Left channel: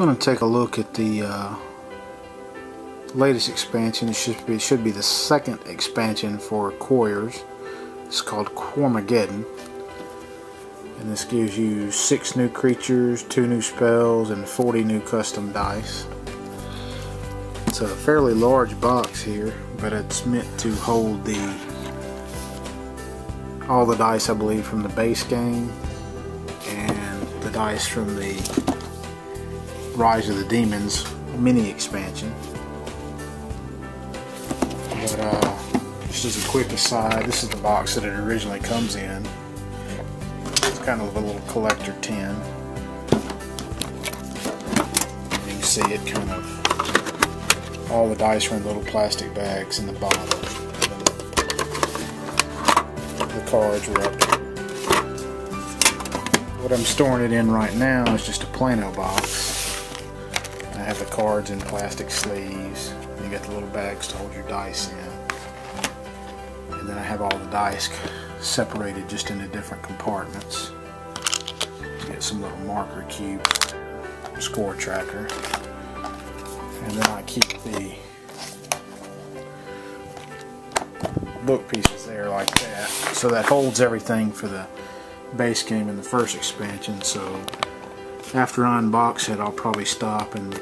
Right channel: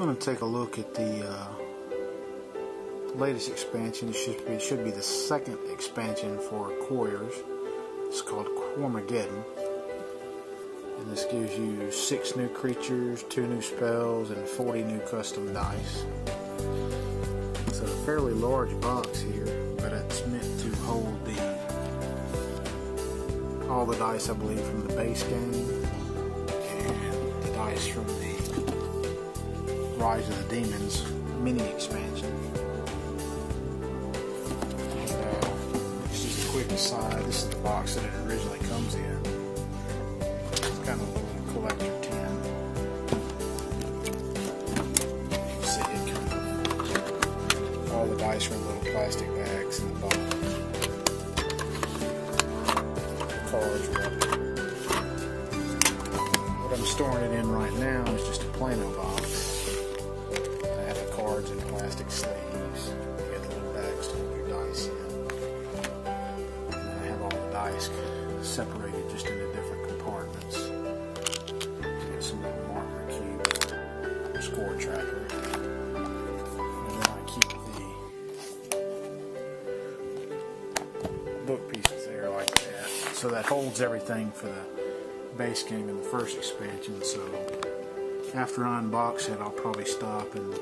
going to take a look at the latest expansion. It should be the second expansion for Quarriors. It's called Quarmageddon, and this gives you 6 new creatures, 2 new spells, and 40 new custom dice. It's a fairly large box here, but it's meant to hold all the dice, I believe, from the base game and the dice from the Rise of the Demons mini expansion. But just as a quick aside, this is the box that it originally comes in. It's kind of a little collector tin. You can see it kind of, all the dice are in little plastic bags in the bottom. The cards are up here. What I'm storing it in right now is just a Plano box. I have the cards in plastic sleeves. You got the little bags to hold your dice in. And then I have all the dice separated just into different compartments. You get some little marker cubes, score tracker. And then I keep the book pieces there like that. So that holds everything for the base game and the first expansion. So after I unbox it, I'll probably stop and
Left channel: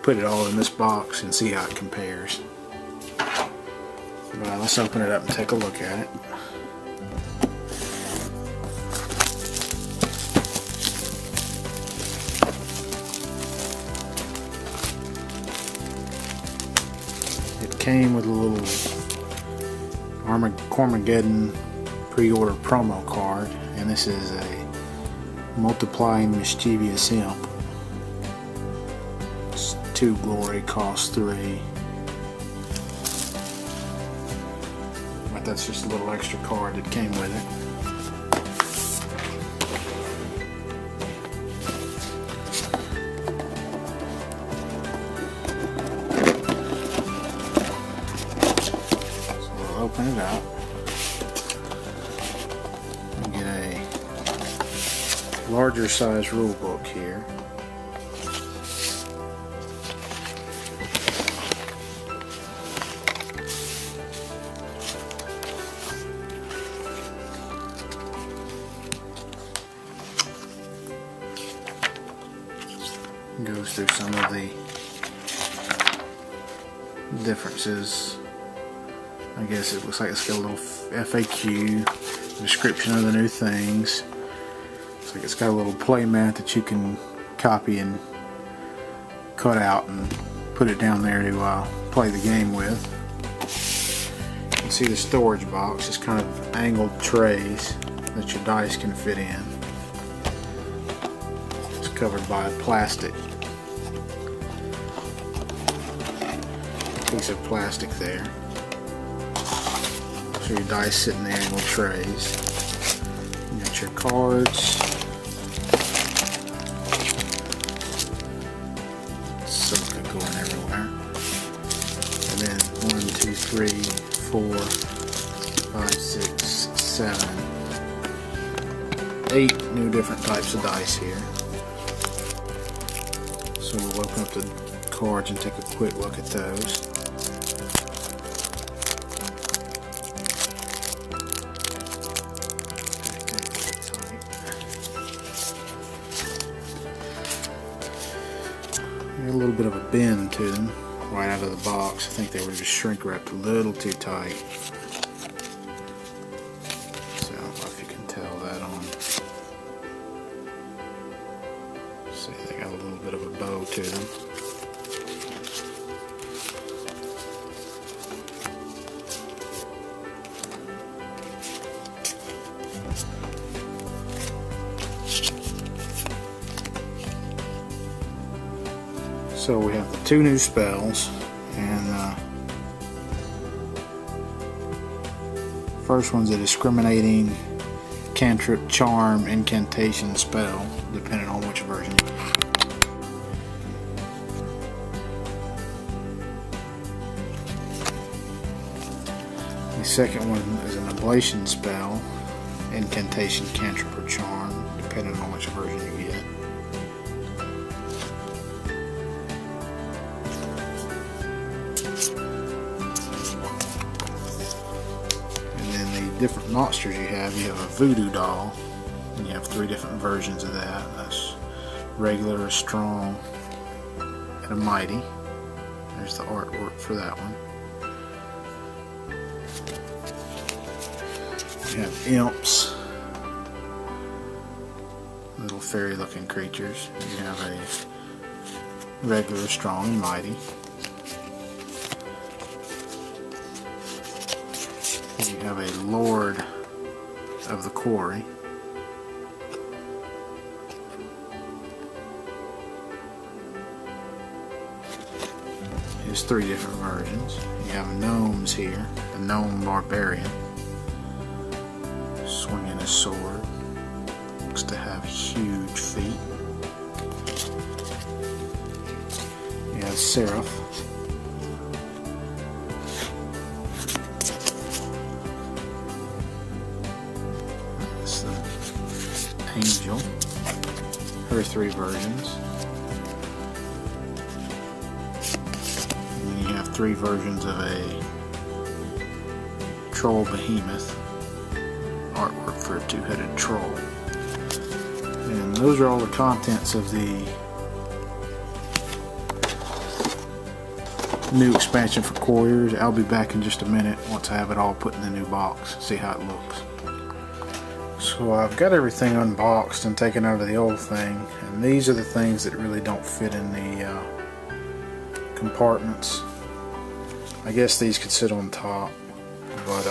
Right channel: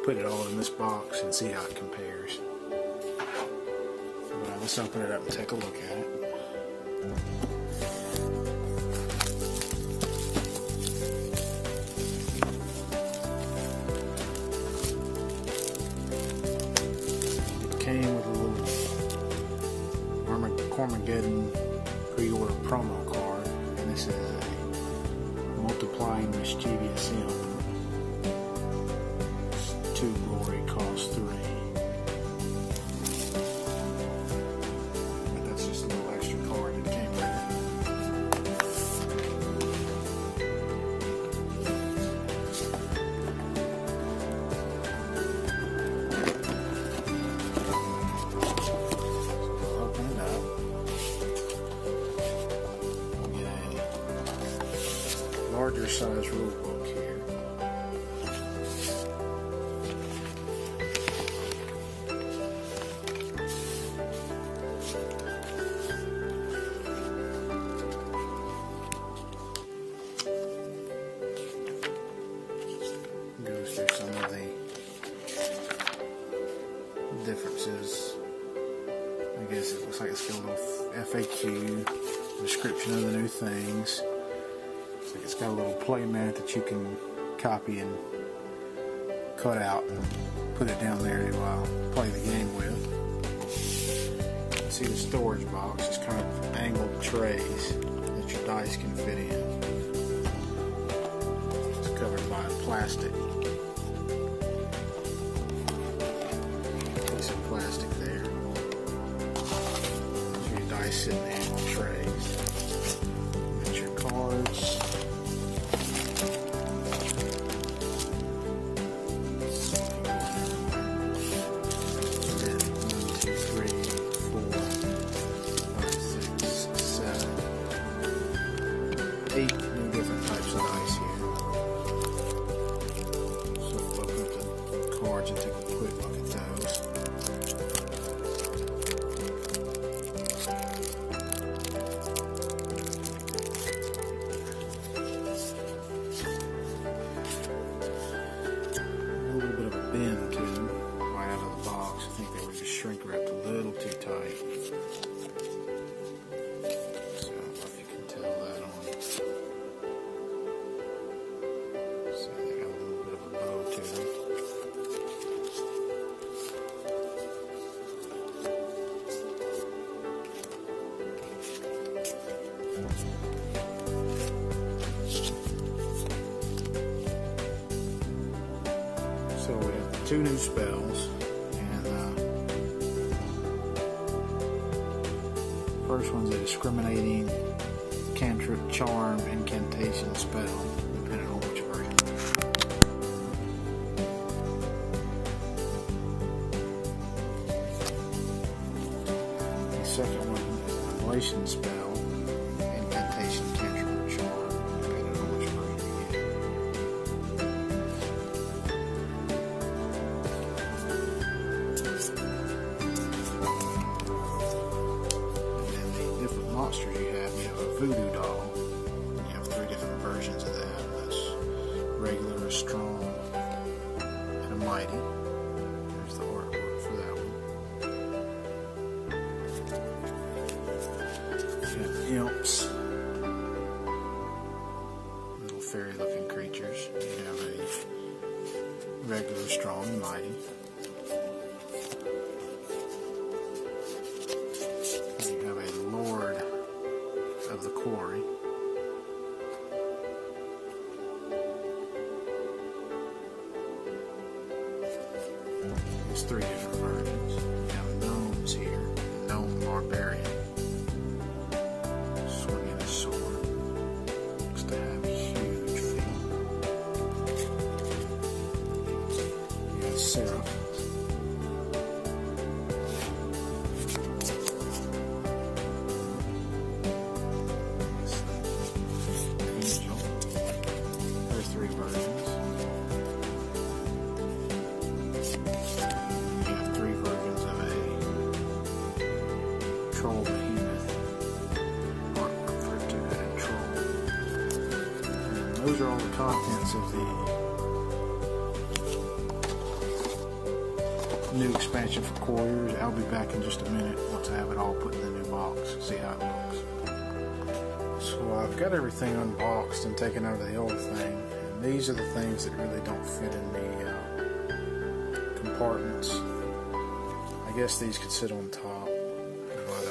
put it all in this box and see how it compares. But let's open it up and take a look at it. It came with a little Quarmageddon pre-order promo card, and this is a multiplying mischievous imp. It's 2 glory, costs 3. But that's just a little extra card that came with it. So we'll open it up. Get a larger size rule book here. Goes through some of the differences. I guess it looks like it's got a little FAQ, description of the new things. Looks like it's got a little play mat that you can copy and cut out and put it down there to play the game with. You can see the storage box. It's kind of angled trays that your dice can fit in. It's covered by plastic. Piece of plastic there. So your dice sit in the angled trays. You got your cards. Some could go in everywhere. And then 1, 2, 3, 4, 5, 6, 7, 8 new different types of dice here. So we'll open up the cards and take a quick look at those. A little bit of a bend to them right out of the box. I think they were just shrink wrapped a little too tight. So I don't know if you can tell that on. See, they got a little bit of a bow to them. So we have the 2 new spells, and first one's a discriminating cantrip, charm, incantation spell, depending on which version you use. The second one is an ablation spell, incantation, cantrip, or charm, depending on which version you get. monsters you have a voodoo doll, and you have 3 different versions of that. That's regular, a strong, and a mighty. There's the artwork for that one. You have imps, little fairy looking creatures. You have a regular, strong, and mighty. You have a lord of the quarry. There's 3 different versions. You have gnomes here, the gnome barbarian, swinging a sword. Looks to have huge feet. You have seraph. That's the angel. Her 3 versions. 3 versions of a troll behemoth, artwork for a 2-headed troll. And those are all the contents of the new expansion for Quarriors. I'll be back in just a minute once I have it all put in the new box, see how it looks. So I've got everything unboxed and taken out of the old thing, and these are the things that really don't fit in the compartments. I guess these could sit on top, but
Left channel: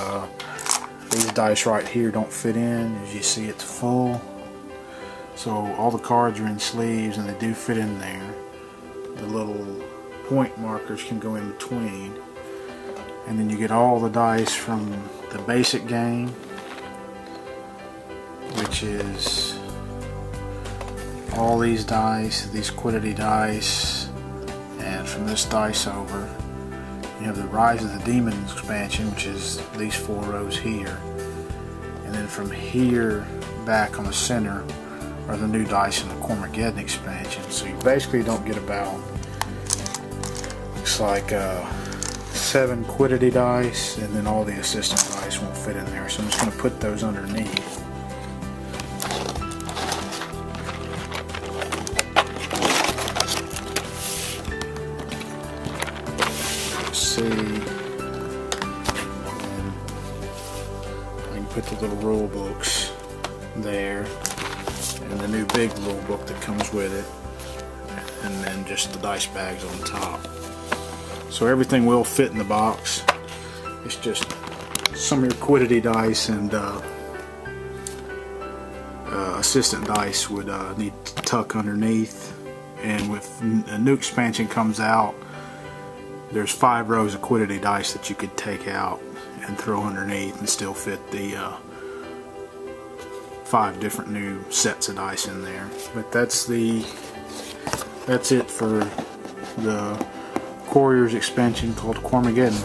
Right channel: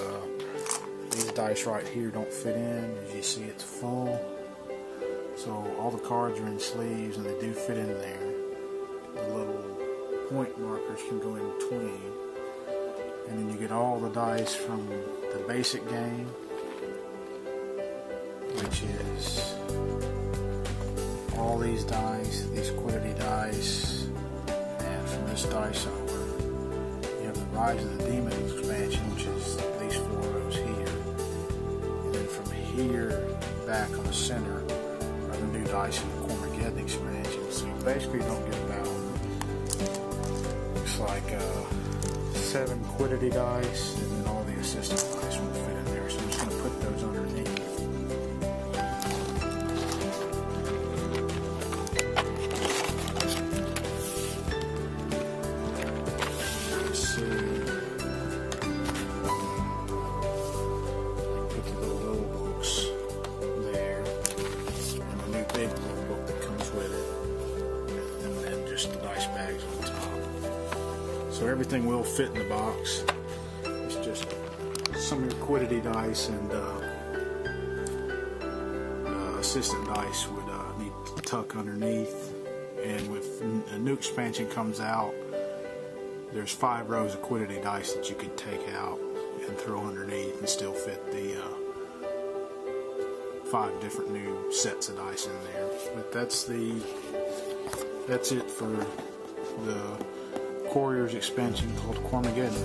these dice right here don't fit in. As you see, it's full. So all the cards are in sleeves and they do fit in there. The little point markers can go in between. And then you get all the dice from the basic game, which is all these dice, these Quiddity dice, and from this dice over. You have the Rise of the Demons expansion, which is these 4 rows here. And then from here back on the center are the new dice in the Quarmageddon expansion. So you basically don't get about, looks like 7 Quiddity dice, and then all the assistant dice won't fit in there. So I'm just going to put those underneath. See, I can put the little rule books there, and the new big rule book that comes with it, and then just the dice bags on top. So everything will fit in the box. It's just some of your Quiddity dice and assistant dice would need to tuck underneath. And with a new expansion comes out, there's 5 rows of Quiddity dice that you could take out and throw underneath and still fit the 5 different new sets of dice in there. But that's it for the Quarriors expansion called Quarmageddon.